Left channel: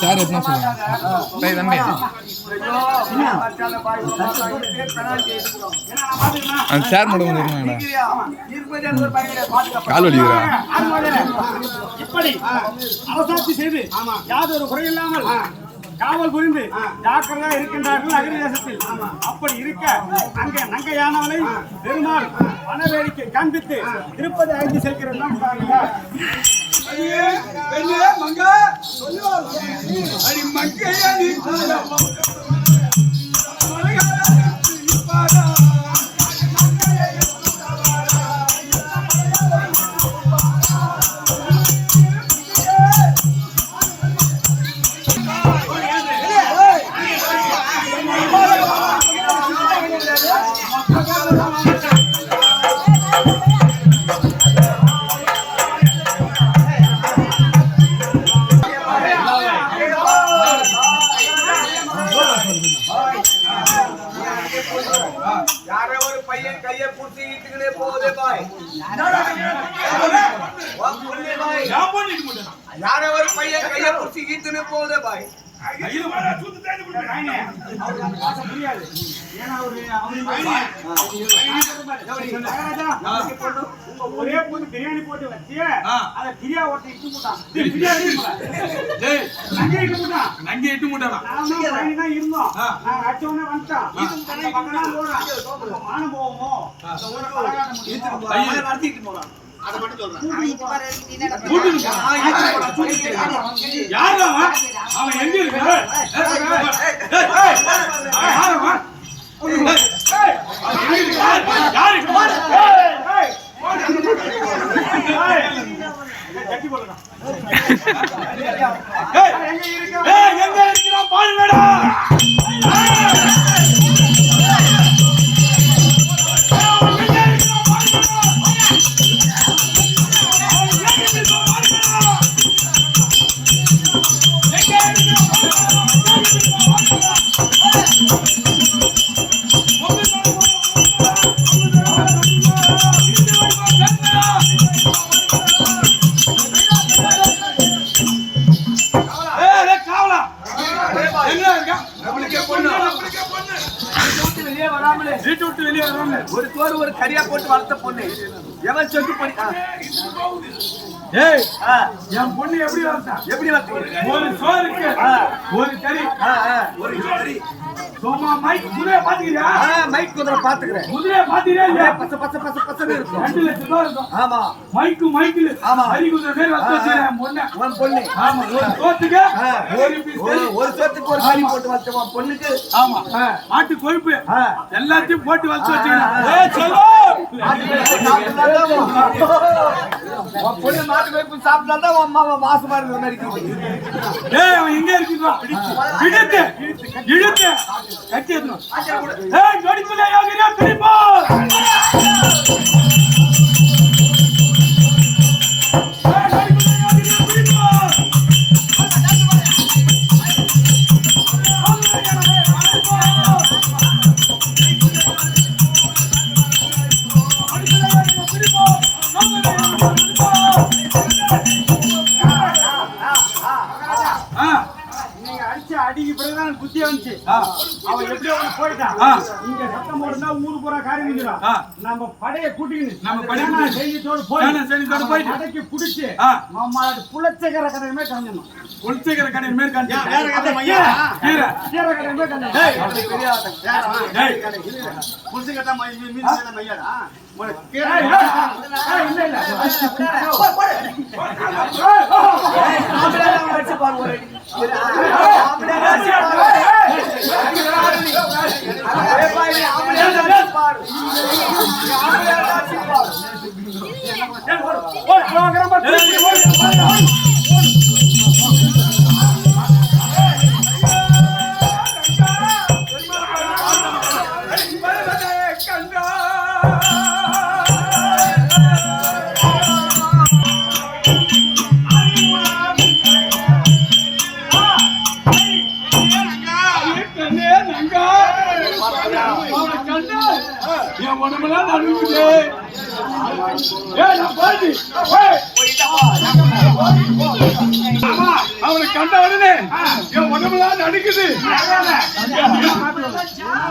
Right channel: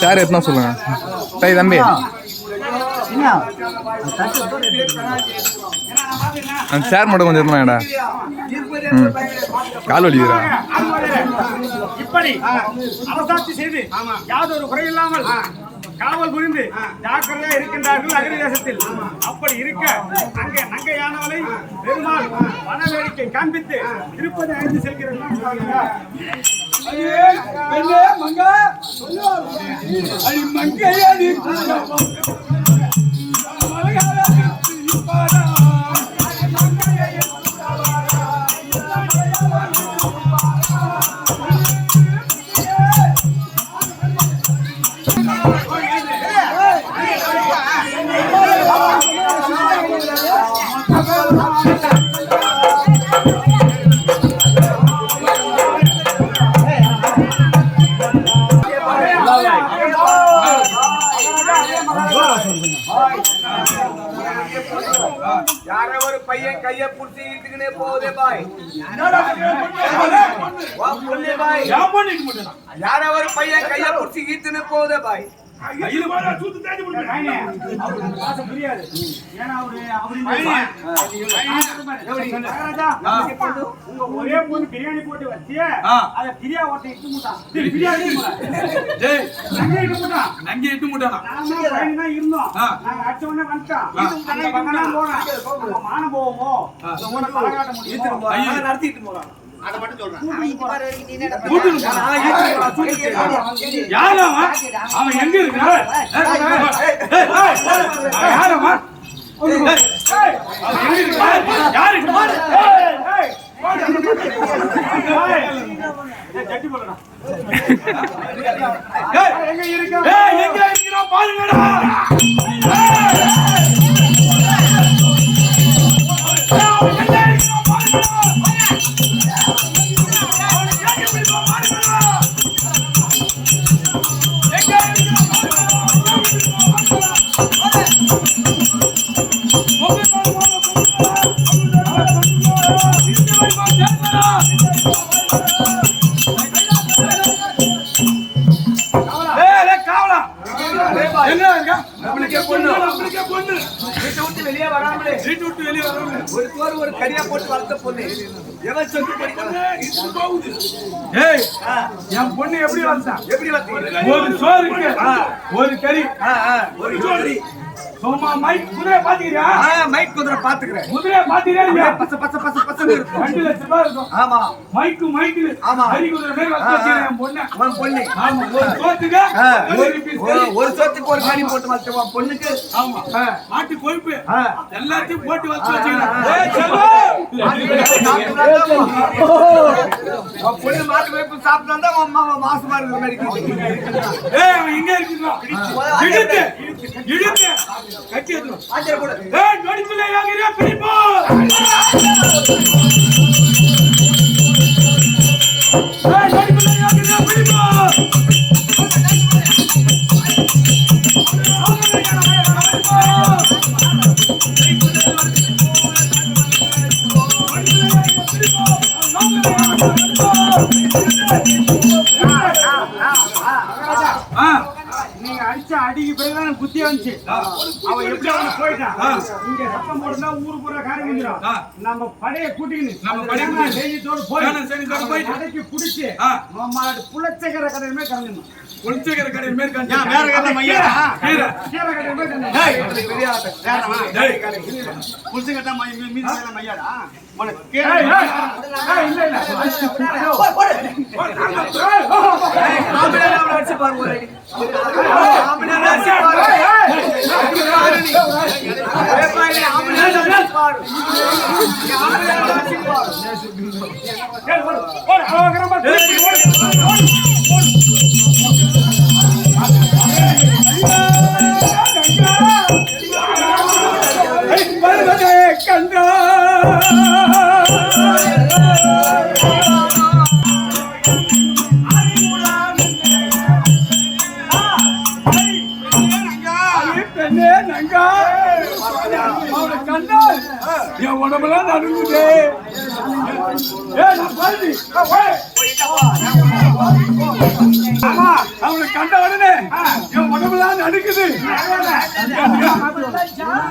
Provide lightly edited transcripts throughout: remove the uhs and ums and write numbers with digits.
சேர் எத்தனை சொல்லுங்க சரி தம்பி அந்த சேர் மட்டும் கொஞ்சம் இருக்கணும்டா கால் வலிக்குறா இப்படி அரசாட்சி செய்து யாதொரு குறையில்லாமல் காவல் புரிந்து ஜாக்கிரதையா இருக்கின்றார்கள் அகிலேசத்தில். அப்படி இருக்க அங்கே நங்கையானவனை பெருமாள் வன வேடிக்கை காண்பித்து திருப்பதி அழைத்து செல்கிறேன். யாரவர் பையன் கைய புடிச்சு இட்டுக்கிட்டே போதே பாய் யாரவர் பையன் கைய புடிச்சு இட்டுன்னு போதே பாய் ஒரே பொண்ணு பிரியாணி போட்டு வச்சு அத பிரியா ஓட்ட இட்டு மூட்டான் நங்கே இட்டு மூட்டானா தான் இருந்தோம். நாங்க அடிச்ச உடனே வந்துட்டோம். மானம் போவோமோ நடத்திட்டு போறான். அதை மட்டும் சொல்றேன். அவன் எங்க இருக்க யாரமா எங்க இருக்கிறோம் பாருங்கடா. ஒரு சோறு ஒரு கரியா போட்டு வளர்த்த பொண்ணு எவன் சொல்லி படிக்கான். என் பொண்ணு எப்படி வளர்த்தான்? எப்படி வளர்த்தீங்க? ஒரு சோறுக்கு ஒரு கறி ஒரு கறி. சோமா மைக் குதிரை பாத்துக்கிறியா? மைக் குதிரை பாத்துக்கிறேன். குதிரை பாத்துக்கிறியா இல்லையா? பச்சை பச்சை பச்சை பச்சை இருக்கும். 2 லட்சம் ரூபாய் இருக்கும். ஆமா மைக்கு ஆமா ஹரி குதிரை பேர் வச்சிருக்கேன் என் பொண்ணு. உன் பொண்ணு ஆமா ஒரு சோத்துக்கு ஒரு சோத்துக்கு ஒரு கறி போட்டு வளர்த்த உன் பொண்ணுக்கு. ஆமா மாட்டு கொழுப்பு எல்லாத்தையும் போட்டு வச்சு வச்சுக்கிறேன். உன் பொண்ணு மாட்டு கொழுப்பு சாப்பிட்டா உன் அம்மா மாசமா இருக்கிற மாதிரி இருக்கு. அவன் எங்க இருக்குதா? இழுத்து கட்டி ஏத்தணும். நொடிப்பிள்ளை யோகிரா பிடிப்போ. நீங்க அடிச்ச அடிக்கு பிறகுதான் குத்தி வந்துச்சு. அவன் எப்படி அவன் போயிட்டான். இங்க சத்தம் போடுனா ஊரு பூரா காரி வந்துடும். நம்ம படையை கூட்டிக்கணும். நம்ம படையை செய்தியோடு போய் அடைக்கி பிடிச்சி நம்மளோட புலச்சேகர கடையுமே கலந்துடணும். புலச்சேகர கடையுமே கலந்து என் உடம்பெல்லாம் நடுங்குது. நான் பாருங்க ஆமா. அவனை கண்ட உடனே என் உடம்புலாம் நடுக்குது.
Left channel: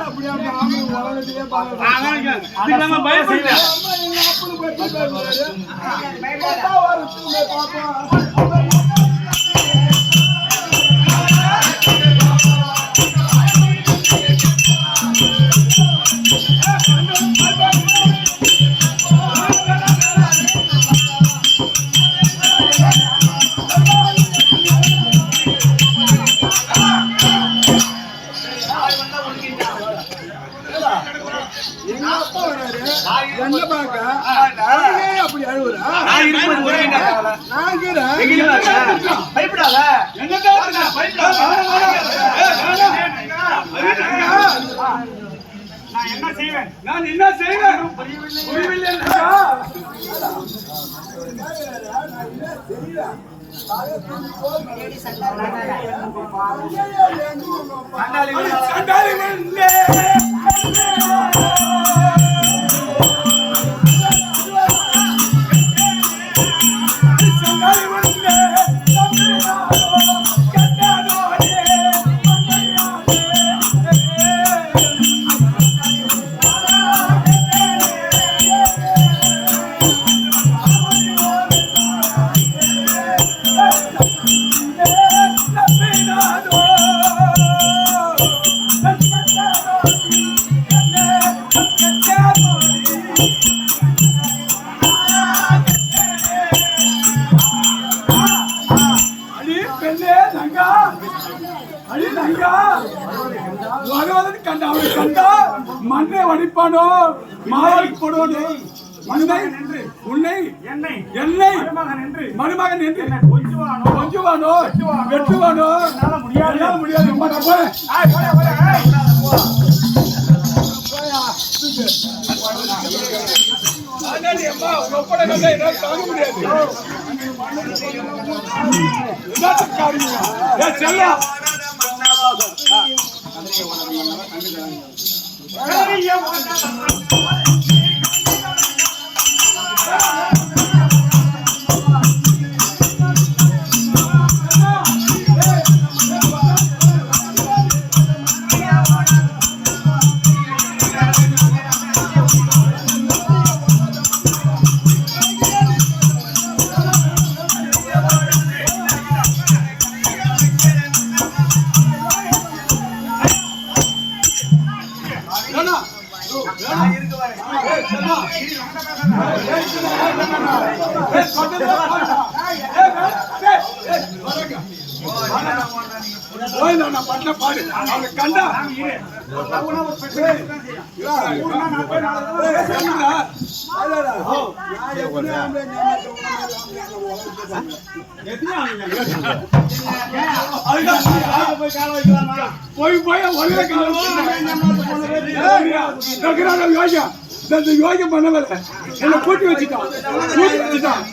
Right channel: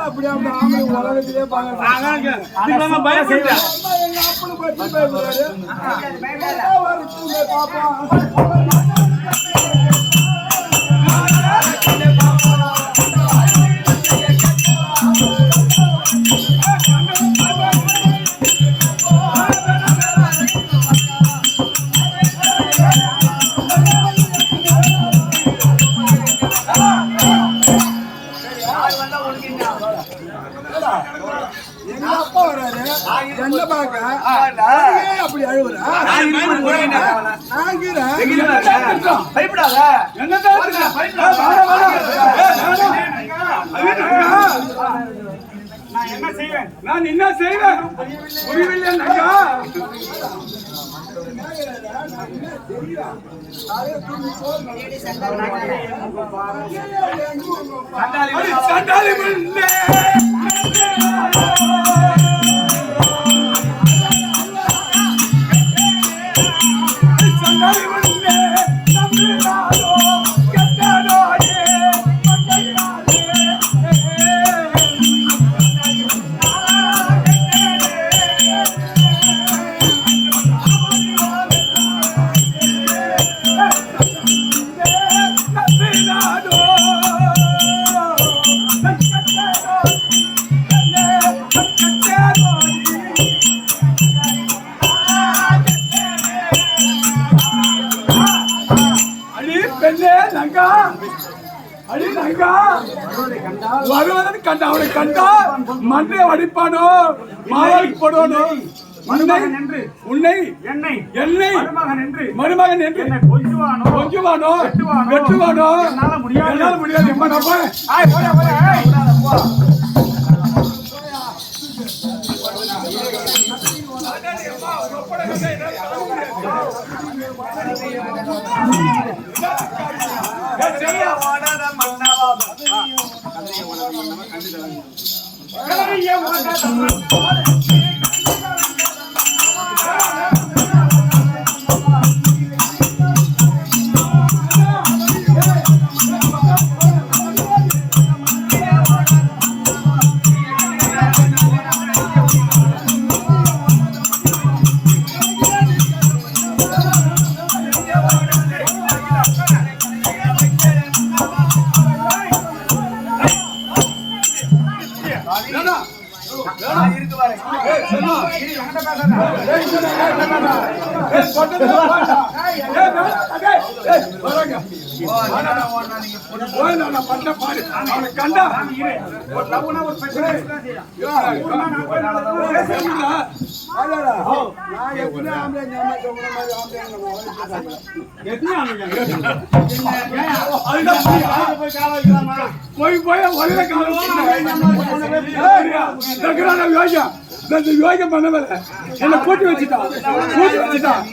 அப்படி அந்த ஆம்பளை உலகத்திலே பாக்குறேன். அதான் இதுக்கு நம்ம பயப்படல. அம்மா எங்க அப்பனு பத்தி பயப்படுறாரு. வரட்டுமே பாப்பா. எங்க அப்பா வராரு என்ன பாக்க அப்படி அழுவுறா பயப்படாத. நான் என்ன செய்வேன்? நான் என்ன செய்வேன்? புரியவில்லை நங்கா. சண்டாளி மண்ணே. வருவதற்கு கண்டா அவனை கண்டா மண்ணை வடிப்பானோ மாவாளுக்கு போடுவானோ. உன்னை என்னை மருமகன் என்று கொஞ்சுவானோ வெட்டுவானோ. என்னால் முடியாது. எம்மா நான் போறேன். கண்டா போய் போய் யோகம் பண்ணவே என்ன கூட்டி வச்சுட்டான்.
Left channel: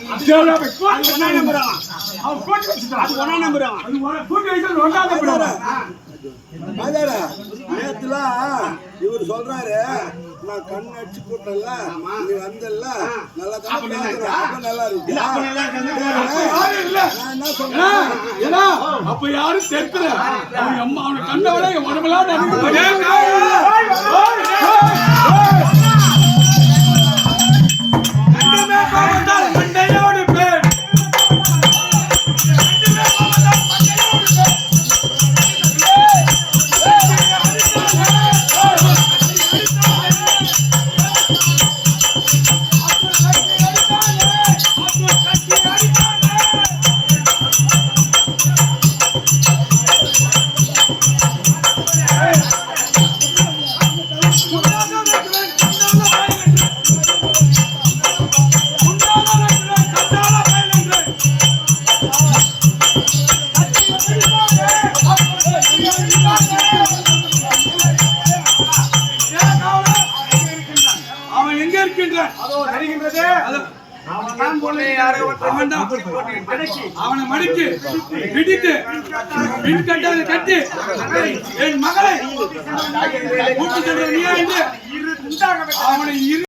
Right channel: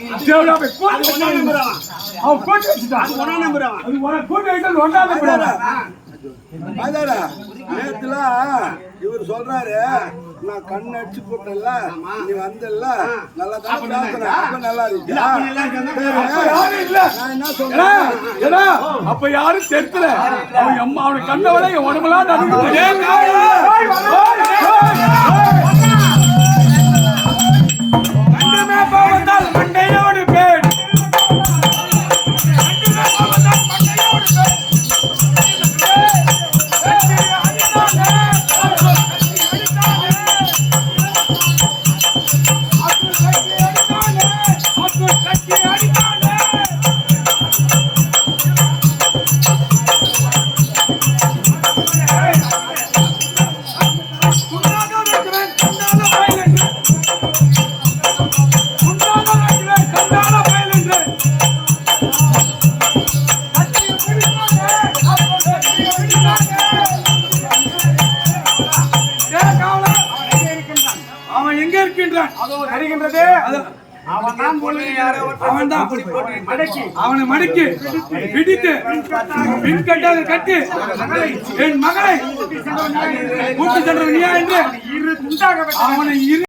இவர் சொல்றாரு நான் கண் அடிச்சு போட்டல நீ வந்தல நல்லா தான் நல்லா இருக்கு. அப்ப யாரும் தெரியல. அவன் அம்மா அவனை கண்டவளை என் உடம்பெல்லாம் நடந்து மண்டையோடு பேர் அவனை மடிக்கு பிடித்து பின் கட்டி என் மகளை கூட்டு சென்ற அவனை